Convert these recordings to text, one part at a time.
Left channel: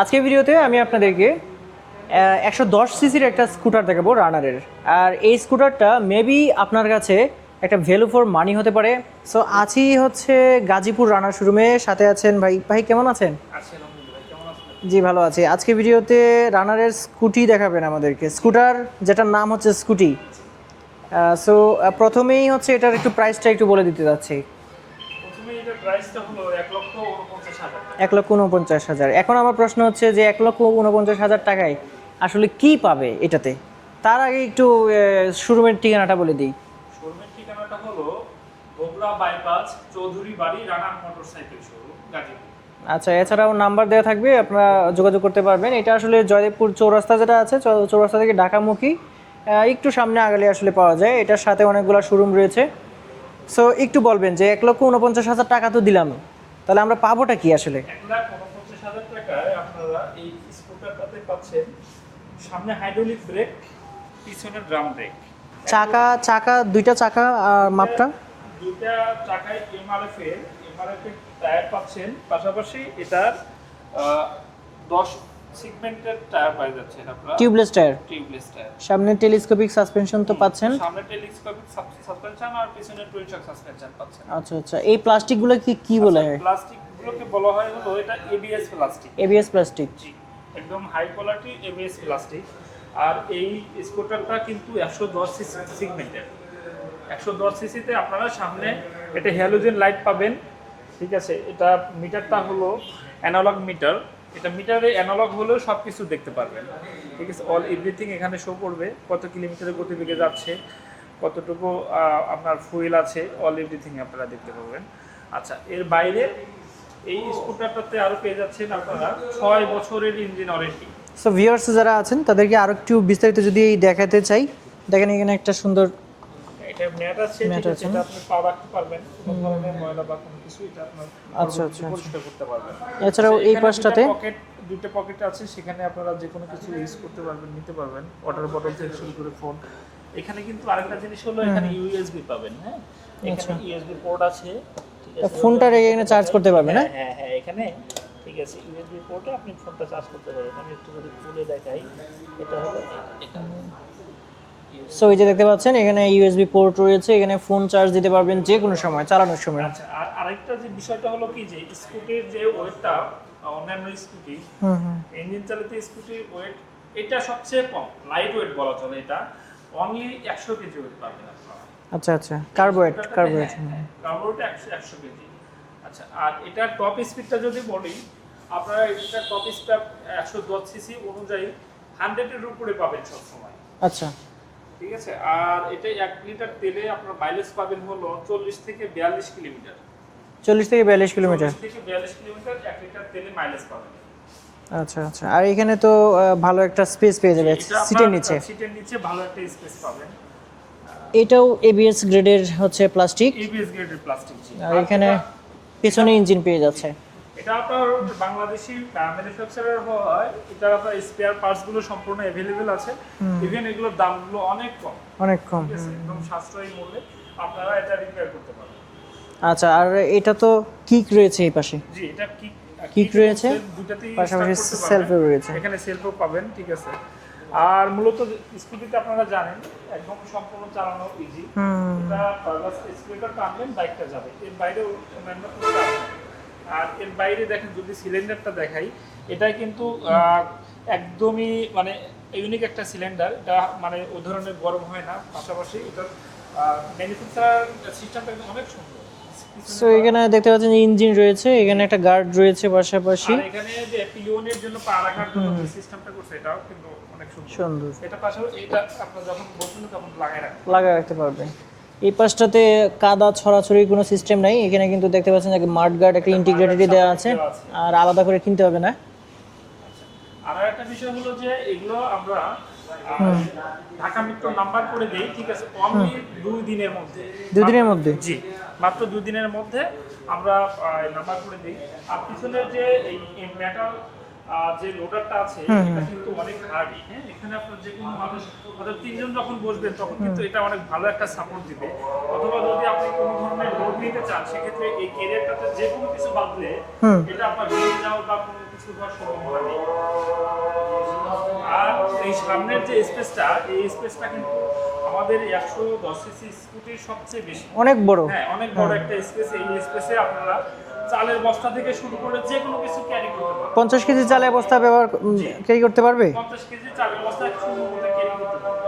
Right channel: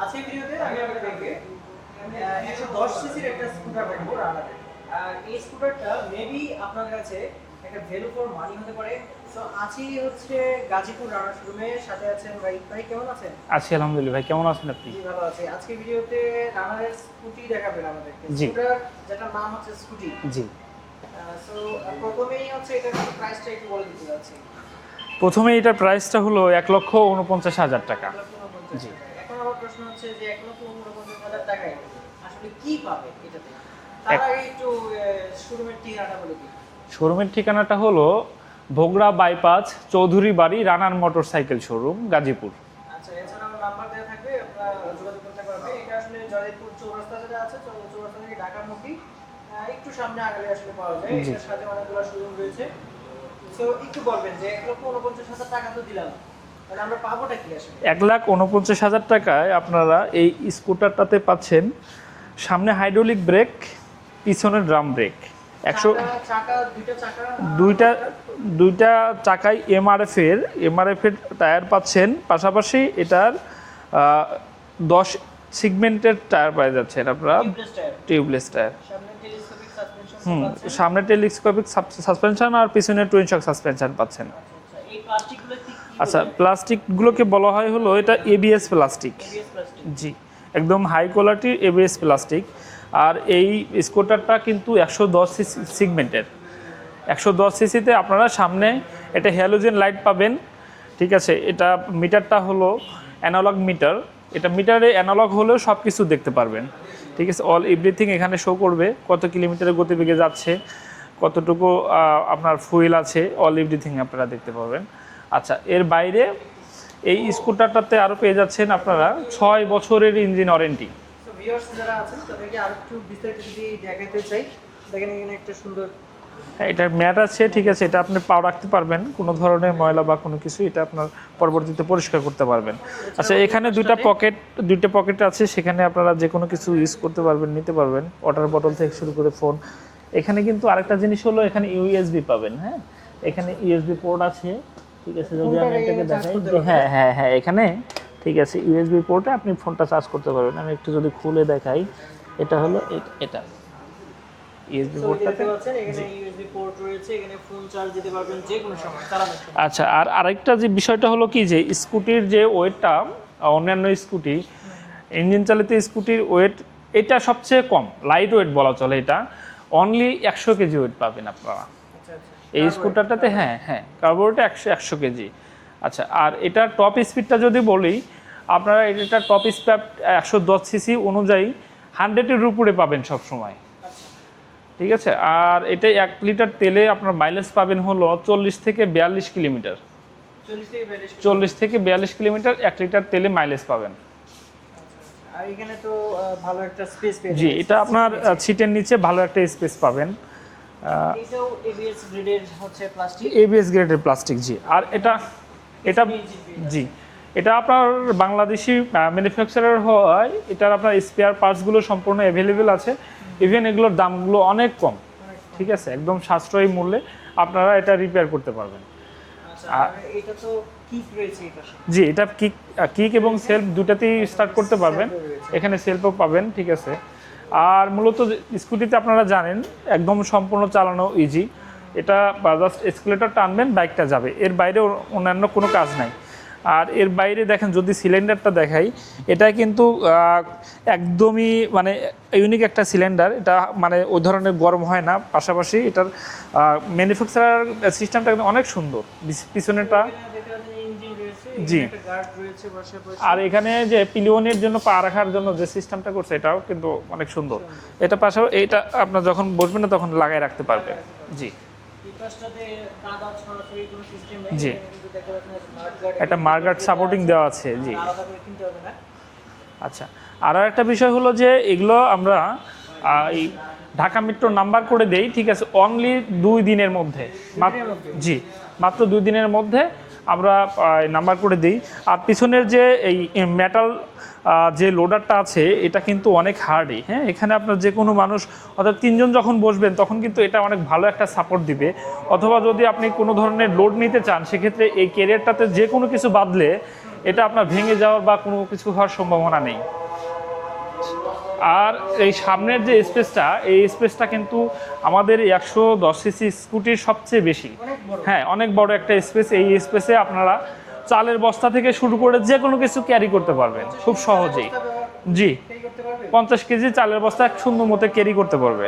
আজকের ভিডিওতে আমি আপনাদেরকে 110 সিসির একটা স্কুটার দেখাবো রানারের। আর এই স্কুটারটা মেবি আপনার কাছে একটা ভ্যালু ফর মানি হতে পারে। সো আছি হচ্ছে গাজীপুর রানার শোরুমে, সাথে আছেন ভাই। ভাই কেমন আছেন? আছি আলহামদুলিল্লাহ। ভাই কেমন আছেন আপনি? জি ভালো আছি। আজকে ভিডিওতে রানারের স্কুটি দেখাবেন আমাদেরকে, স্কুটার যেটার নাম হচ্ছে স্কুটি। জি, সো প্রথমেই হচ্ছে এটার একটু প্রাইসটা একটু বলে দিতে যাচ্ছি। প্রথমে এটার প্রাইসটা হলো 1,49,000 টাকা। 1,49,000। এখন আমার প্রশ্ন হচ্ছে যে 1,49,000 টাকায় আসলে কি পাবে এটাতে? তার আগে একটু শোরুমের ঠিকানাটা বলে দিই। শোরুমের ঠিকানাটা হলো ভোগড়া বাইপাস চৌধুরী বাড়ি রানার মোটরসাইকেল শোরুম গাজীপুর। আচ্ছা, এছাড়াও নাম্বার দেওয়া থাকবে, আপনারা যোগাযোগ করতে পারবেন। এটা আসলে জয়দেবপুর চৌরাস্তা যেটা আছে, চৌরাস্তা থেকে ঢাকামুখী একটু সামনে আগলে আসলে পাওয়া যায়। এটার সাথে অনেকগুলো শোরুম রয়েছে। সো একটু বলবেন যে 1,49,000 টাকা তো দিলাম, তাহলে আমরা পাবোটা কি আসলে? 1,49,000 টাকায় আপনারা এই স্কুটারটাতে পাচ্ছেন সামনে হাইড্রোলিক ব্রেক, পিছনে ড্রাম ব্রেক, দুইটা চাকা মাপটা? দুইটা চাকায় এমআরএফ এর টায়ার পাচ্ছেন। পাশাপাশি এটার 10 সেগমেন্টের টায়ার পেয়ে যাচ্ছেন আপনারা। Tubeless tyre. সামনে টেলিস্কোপিক সাসপেনশন তো পাচ্ছেন। সামনে টেলিস্কোপিক সাসপেনশন আর পিছনে টুইন শক সাসপেনশন পাচ্ছেন। আচ্ছা আচ্ছা, এই প্লাস্টিকগুলো কি বলা হয়? প্লাস্টিক গুলোকে বলা হয় হলো এটা এবিএস প্লাস্টিক। ABS plastic. জি, একদম হাই কোয়ালিটি এবিএস প্লাস্টিক। আর এই স্কুটারটা কিন্তু 110 সেগমেন্টের। 110 সিসিতে আপনারা সামনে এটা হ্যালোজেন লাইট পাবেন। ঠিক আছে, এটা মিটারটা হলো অ্যানালগ মিটার। এটা মিটারে অ্যানালগ হলেও সব কিছু দেখতে পারবেন। ঠিক আছে, অল এভরিথিং এখানে শো করবে, কত কিলোমিটারের গতিবেগে যাচ্ছে, কতটুকু আপনার ফুয়েল আছে, অল এভরিথিং আপনারা দেখতে পাবেন। আচ্ছা, এর বাইরে এই স্কুটারটাতে আরও পেয়ে যাচ্ছেন আপনারা 6 বছরের ইঞ্জিন ওয়ারেন্টি। সো ভিউয়ার্স যারা আছেন তাদেরকে আরো একটু বিস্তারিত যদি দেখাতে চাই, দেখেন এখানে একটা সুন্দর এটা ম্যাট আছে। ঠিক আছে, এটা আপনি পা রাখতে পারবেন, কোনো ধরনের ময়লা বা কোনো কিছু এটা আপনার পরবর্তীতে পরিষ্কার করতে পারবেন। আচ্ছা, এখানে দুইটা পকেট আছে, সেখানে আপনারা যে কোনো কিছু ইউজ করতে পারবেন, নিতে পারবেন, ওয়াটার বটল থেকে শুরু করে ফোন। এখানে কিন্তু আরেকটা জিনিস হলো এখানে ইউএসবি পাবেন। হ্যাঁ, এখানে ইউএসবি পোর্ট আছে। ঠিক আছে, ফোনটা এখানে চার্জ করতে পারবেন। হ্যাঁ এখানে ঠিক আছে, ইউএসবি পোর্টে আপনি ফোনটা চার্জ করতে পারবেন। আমি একটু যদি খুলে দেখাই, এটা হলো এটা। সো এই যে দেখতে পাচ্ছেন এখানে ইউএসবি পোর্ট রয়েছে, এখানে ফোন চার্জ দিতে পারবেন যে কোনো সময়, চালানোর সময়। আচ্ছা, আর আরেকটা যে বিষয়টা হলো কি, যে স্কুটির যে ওয়েটটা অন্যান্য স্কুটি, ইঞ্জিন চালিত স্কুটির ওয়েট এটা সবচেয়ে কম, লাইট ওয়েট বলা চলে। এটা অনলি 100 কেজি ওয়েট পাবেন আপনারা। আচ্ছা আচ্ছা, এই স্কুটারটাতে কার্বোরেটে 100 কেজি। আচ্ছা, আর এটা টপ স্পিডটা যদি বলি, আপনারা এটা টপ স্পিড 110 সিসি অনুযায়ী 100-এর উপরে পাবেন সব সময়। আচ্ছা, ঠিক আছে, আর এটা 1 লিটার তেলে আপনার মাইলেজ পাবেন হলো 40 থেকে 42 কিলোমিটার। 40 থেকে 42 কিলোমিটার 1 লিটার তেলে মাইলেজ পাবেন। আচ্ছা আচ্ছা, আর এখানে তো ভালো একটা স্পেস পেয়ে যাবেন। এটা আপনার সিটের নিচে ভালো একটা স্পেস পাবেন। এটাও এবিএস গ্রেডের হচ্ছে প্লাস্টিক। এবিএস গ্রেডের প্লাস্টিক, জি। আর এখানে পিছনে ইঞ্জিন পেয়ে যাচ্ছে। এটা আপনার বাংলাদেশি ম্যানুফ্যাকচারার হয়, এটার আপনার স্পেয়ার পার্টস গুলো সম্পূর্ণ अवेलेबल আছে। ইভেন এগুলোর দামগুলো অনেক কম। ঠিক আছে, একদম সাশ্রয়ী মূল্যে আপনারা এটা রিপেয়ার করতে পারবেন। আচ্ছা, আর এটা তো কিক রয়েছে এই পাশে। জি, এটা কিক এবং সেলফ দুটাতেই স্টার্ট করতে পারবেন। এখানে সেলফও পাবেন। ঠিক আছে, আর মূলত স্কুটিতে আপনারা জানেন একদম সম্পূর্ণ চালানো ইজি। এটা জাস্ট এসকেলেটর টানবেন, বাইকটা যাবে, এর বাইরে অন্যান্য কোনো কাজ নাই। আর এর বাইরে দেখেন, যদি সিলিন্ডারটা দেখাই, এটা কিন্তু একদমই মানে ইউনিক একটা সিলিন্ডার। এটা মানে ওই ধরনের গরম হয় না। পাশাপাশি এটার ম্যানুফ্যাকচার সিস্টেমটা অনেক সুন্দর। পিছনেটা এখানে দেখতে পাচ্ছেন ইঞ্জিন রয়েছে, এখানে একটা গার্ড রয়েছে পাশাপাশি। আর এখানে যে পিলিয়নের জন্য পা রাখার জন্য যে সিস্টেমটা করছে, এটাও কিন্তু অনেক সুন্দর। এটা পাশাপাশি এটা আপনার যখন বসবেন না তখন লাগায় রাখতে পারবেন। এই পাশটাতে কাদা ছড়াছড়ি কোনো সিস্টেম নাই। এখানে কিন্তু দেখতে পাচ্ছেন যে মাড গার্ড একটা ইন্টিগ্রেটেড দেওয়া আছে, আর আলাদা করে কিনতে হবে না। আচ্ছা, আর একটা বিষয় হলো যে এগুলো আমরা ঢাকা মেট্রো নাম্বার করে দেই। ঠিক আছে, অনলি 2 দিনের মধ্যে। 2 দিনের মধ্যে? জি, মাত্র 2 দিনের মধ্যে আমরা নাম্বার করে দিই। আর পিছনের যে এই মেটাল যে লোডারটা আছে এটা কিন্তু অনেক হার্ডই, হ্যাঁ, এখানে আপনার যে কোনো মানুষ অর্থাৎ 3 জন যখন বসবেন তখন কিন্তু এটা অনেক ভালো একটা সাপোর্ট দিবে। অথবা যদি আপনি কোনো ধরনের লোড নিতে চান সেক্ষেত্রে এই ক্যারিয়ারটাতে যে কোনো কিছু বাঁধলে এটা আপনার ভেঙে যাওয়া বা কোনো কিছু হওয়ার সম্ভাবনা নেই। আর এই সামনের যে স্পেসটা, এই স্পেসটা কিন্তু আমাদের 110 সিসি স্কুটির সবচেয়ে বেশি, অনেক বড়। হ্যাঁ, অনেক বড় একটা স্পেস। এই স্পেসে আপনারা চালের বস্তা থেকে শুরু করে যে কোনো কিছু ক্যারি করতে পারবেন। 50 কেজি চালের বস্তা জি ক্যারি করতে পারবে, 50 কেজি চালের বস্তা সুন্দর মতো ক্যারি করতে পারবে।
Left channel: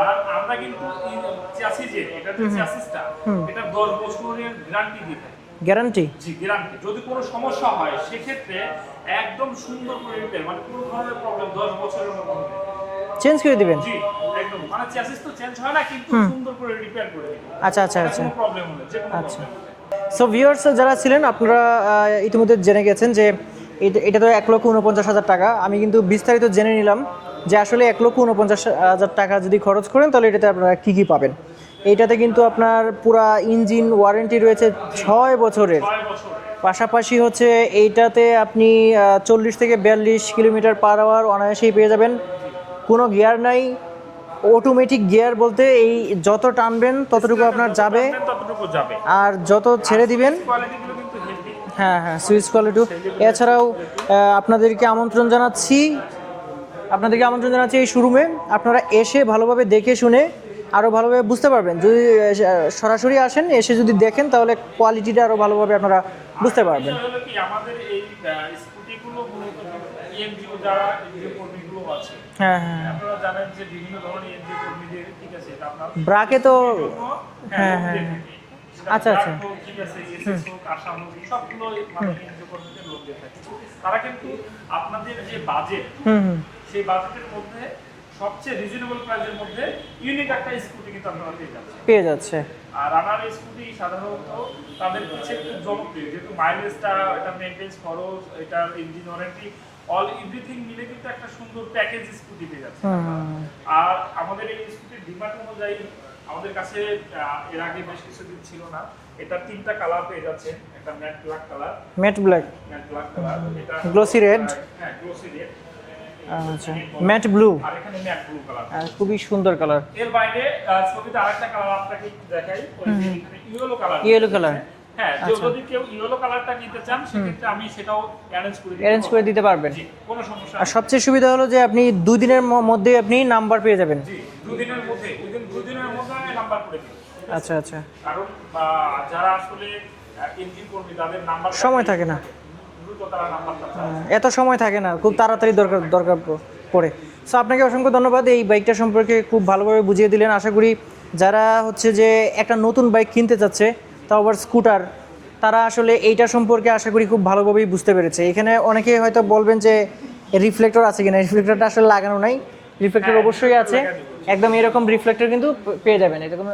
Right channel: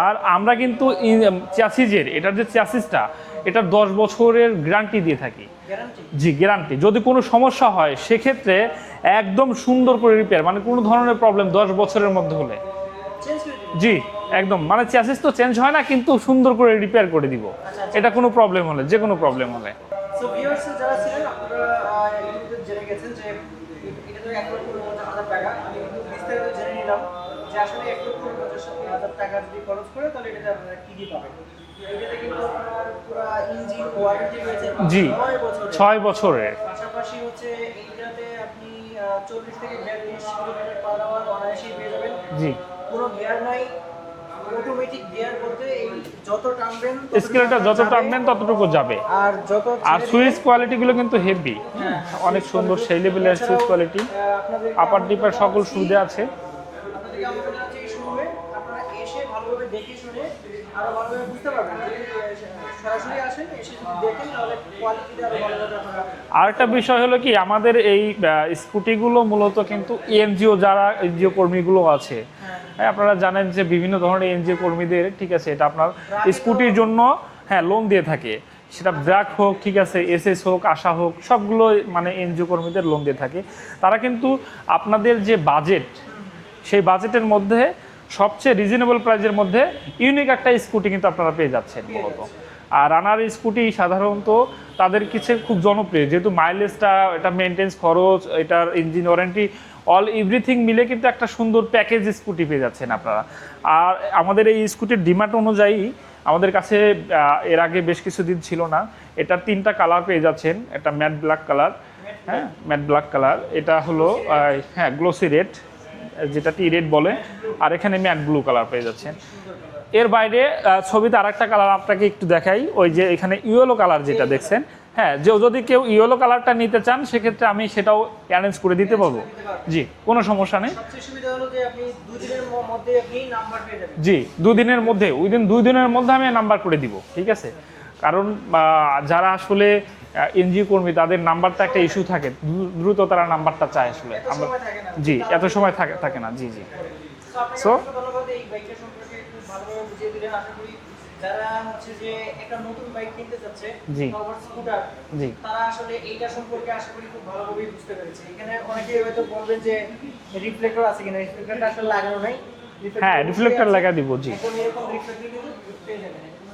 আর আমরা কিন্তু চ্যাসিজের এটার যে চ্যাসিসটা এটা 10 বছরের গ্যারান্টি দিয়ে থাকি। গ্যারান্টি? জি, গ্যারান্টি। যদি কোনো সমস্যা হয় সেক্ষেত্রে একদম সুন্দর করে রিপেয়ার, মানে কোনো ধরনের প্রবলেম 10 বছরের মধ্যে হলে চেঞ্জ করে দিবেন? জি একদম, মানে চ্যাসিস তো চেঞ্জ হয় না কিন্তু সুন্দর করে রিপেয়ার করে দিব। আচ্ছা আচ্ছা, এটা কোনো প্রবলেম হলে, যে কোনো প্রবলেম হলে। সো ভিউয়ার্স যারা ছিলেন আপনারা ইতিমধ্যে জেনে গেছেন যে এটা তো 1,49,000 টাকা। আমি কিন্তু বিস্তারিত জেনে নিলাম যে আসলে 1,49,000 টাকা যদি খরচ করেন তাহলে এটাতে আপনারা কি কি পাবেন। এইটাতে কিন্তু আপনার পুরা ইঞ্জিন ওয়ারেন্টি রয়েছে 6 বছরের। 6 বছরের পাশাপাশি হচ্ছে এইটাতে আপনি 40 থেকে 42 কিলোমিটার পার আওয়ার অনায়াসেই পেয়ে যাবেন। জি, কোনো গিয়ার নাই, অটোমেটিক গিয়ার বলতে এই যত টানবেন ততটুকু আপনার যত যাবে, টানবেন ততটুকু যাবে। আর যত ছেড়ে দিবেন সুইচ কোয়ালিটি গুলো কিন্তু হেভি। হ্যাঁ হ্যাঁ, সুইচ কোয়ালিটি। এছাড়াও আপনাদেরকে আমন্ত্রণ জানাচ্ছি এই শোরুমে। আপনারা এসে ভালোভাবে দেখে শুনে আরো ভালোভাবে বুঝতে পারবেন। যদি সরাসরি আসেন, এসে যদি দেখেন তাহলে কোয়ালিটিটা আরো ভালোভাবে আপনারা বুঝতে আরেকটা পারবেন। বিষয় হলো কি, আমাদের এই স্কুটিগুলো মূলত কিন্তু এনজিও, যারা এনজিও কর্মীগুলো আছে, হ্যাঁ হ্যাঁ, আপনারা জানেন যে বিভিন্ন ধরনের এনজিও কর্মীদের, ঠিক আছে, এটা আপনার ব্রাকে তো স্কুটির জন্য লোন দিয়ে থাকে। সেটা আচ্ছা, ব্র্যাক আচ্ছা। হোক, ঠিক আছে, এসএস হোক, আশা হোক, সবগুলো মানে এনজিও কর্মীদের লোন দিয়ে থাকে। তারা কিন্তু আপনাদের যে বাজেট, সেই বাজেটের মধ্যে সবচেয়ে রিজনেবল প্রাইসের মধ্যে ইউনিক একটা স্কুটি কিন্তু আপনারা পেয়ে যাচ্ছে। আর রানার স্কুটি সাধারণত তাদের কিছু খুব জনপ্রিয়, যেহেতু মাইলেজটা, এটা মেইনটেন্স খরচ, এটার ইঞ্জিন ওয়ারেন্টি, অল এভরিথিং মিলে কিন্তু একটা সুন্দর প্যাকেজ স্কুটি পেয়ে যাচ্ছেন আপনারা। আর আমাদের এই স্কুটির ডিমান্ড অনুযায়ী আমাদের কাছে এর আগে বেশ কিছুদিন ছিল না, এটার 3টা কালার পেয়ে যাচ্ছেন। এটা ম্যাট ব্ল্যাক কালার, এটা হলো হ্যাঁ গ্লোসি রেড, যেটা টি রেড বলে, ম্যাট ব্লু, আর এখানে ম্যাট ব্লু কালার পেয়ে যাচ্ছে। খুবই সুন্দর কালার। এর বাইরে ছবিতে আরেকটা কালার আপনাকে একটু দেখাই, ওই যে এখানে ইয়েলো কালার যেটা দেখছেন, হ্যাঁ, যদি কেউ ইয়েলো কালারটা নিতে চান সেক্ষেত্রে আমি সেটাও অ্যারেঞ্জ করে দিতে পারবো। জি, কোনো সমস্যা নেই। সবচেয়ে সুবিধা হলো যে আপনি 2 দিনের মধ্যে আপনি নাম্বার পেয়ে যাবেন। জি, 2 দিনের মধ্যে, উইদিন 2 দিনের মধ্যে আমি নাম্বার করে দিব, ঠিক আছে। আচ্ছা, কারণ যারা আসলে এনজিও কর্মী তাদের নাম্বারটা একটা ইস্যু থাকে, দ্রুত তারা নাম্বারটা চায়, এত সময় থাকে না, খুব তাড়াতাড়ি দরকার পড়ে। সো আপনাকে অসংখ্য ধন্যবাদ এই বাইকটা সম্পর্কে খুব ভালোভাবে বুঝিয়ে দিলেন। আশা করি যারা হচ্ছে যে একটা নতুন বাইক কিনতে চাচ্ছে, তাও আবার স্কুটার, তারা আসলে এইটা সম্পর্কে আশা করি খুব ভালোভাবেই বুঝতে পেরেছে। এখানে অনেকেই হয়তো বলবেন যে রিফ্লেক্টর আছে কিনা, রিফ্লেক্টরটা আসলে লাগানো নাই। রিফ্লেক্টর অবশ্যই আছে, একদম এরকম রিফ্লেক্টর কিন্তু পেয়ে যাবেন, এরকম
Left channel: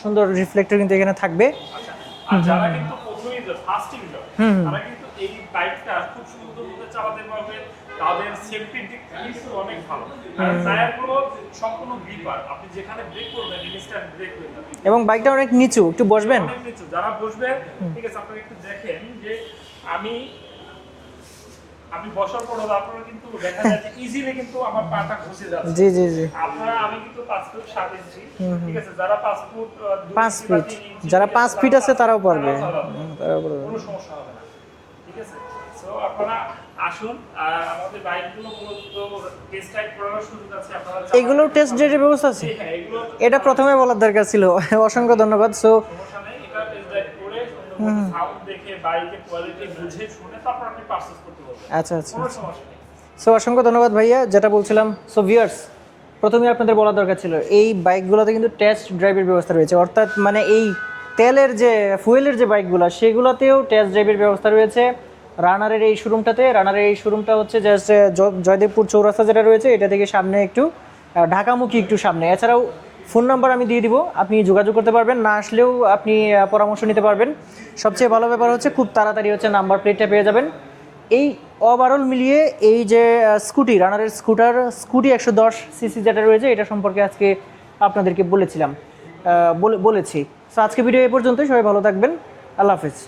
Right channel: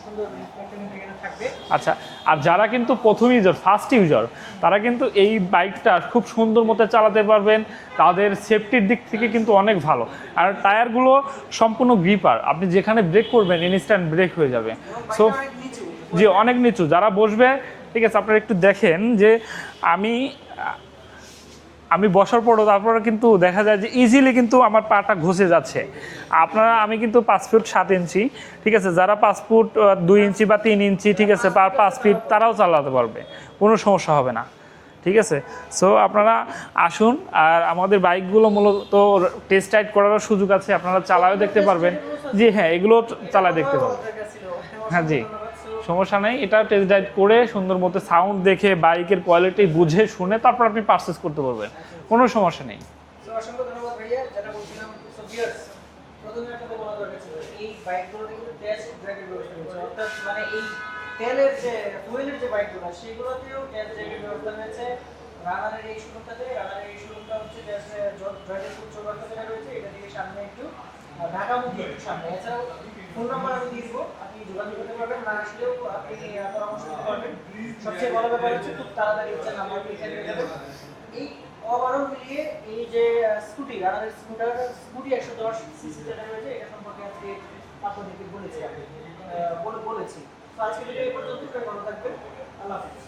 সুন্দর রিফ্লেক্টর কিন্তু এখানে থাকবে। আচ্ছা, আর যারা কিন্তু প্রথম ইউজার, ফার্স্ট ইউজার, তারা কিন্তু এই বাইকটা খুব সুন্দর মতো চালাতে পারবেন। তাদের সেফটির দিক থেকে কিন্তু অনেক ভালো। আর টায়ারগুলো সম্পূর্ণ গ্রিপার, আপনি যেখানে ব্রেক করবেন ইনস্ট্যান্ট ব্রেক হয়ে যাবে। এবং বাইকটা অনেক নিচু, একটু বসবেন, অনেক নিচু, যারা বসবে, ঠিক আছে, আপনারা একটু দেখেন যে আমি বসার পরও তারপরে কিন্তু দেখা যায় যে ইজিলি কিন্তু আমার পাটা ঘষে যাচ্ছে। আপনারা, আমি কিন্তু 5 ফুট 7 ইঞ্চি, ঠিক আছে, যারা 5 ফুট 2 ইঞ্চি বা 3 ইঞ্চি, ঠিক আছে, তারাও চালাতে পারবে, কোনো সমস্যা হবে না, ঠিক আছে। সো আপনারা আসুন, আর আমাদের বাইকগুলো মূলত টেস্ট রাইড করার সুযোগ আছে, আপনারা চালাতে দেখতে পারবেন। জি হ্যাঁ, এগুলো এটা প্রথমে বলার দরকার ছিল। অসংখ্য ধন্যবাদ। সো সমস্যা নেই, এটা টেস্ট রাইড করে সুন্দর মতো সাউন্ড দেখে বাইকের কোয়ালিটি বুঝে শুনে তারপর আপনি পারচেজ করতে পারবেন, কোনো সমস্যা নেই। সো অসংখ্য ধন্যবাদ ভাইয়া, যেটা বলছিলাম। সো ভিউয়ার্স, প্রথমে আপনাদের বলা দরকার ছিল এই বাইকগুলোতে কিন্তু টেস্ট ড্রাইভের ব্যবস্থা রয়েছে, অর্থাৎ মানে এই তেলের যে ফুয়েলের যে বাইকগুলো সেগুলোতেও টেস্ট ড্রাইভের ব্যবস্থা রয়েছে রানারের এই শোরুমটাতে। রানারের এই শোরুমটা হচ্ছে জাস্ট জয়দেবপুর চৌরাস্তা যেটা রয়েছে এটা থেকে সামনে একটু ঢাকামুখী একটু সামনে। এছাড়াও ফোন নাম্বার আমি দিয়ে দিব, আপনি যোগাযোগ করতে পারবেন, না আসলেও আপনি পরামর্শ নিতে পারবেন। সবচেয়ে ভালো ব্যাপার হচ্ছে খুব তাড়াতাড়ি হচ্ছে নাম্বার প্লেটটা পেয়ে যাবেন। এই ওভারঅল মিলিয়ে এই যে স্কুটি, রানারের স্কুটি 110 সিসি যেটা রয়েছে এটা সম্পর্কে আজকে আপনাদেরকে বলেছি। সো আজকে ভিডিও এ পর্যন্তই, সবাই ভালো থাকবেন, আল্লাহ হাফিজ।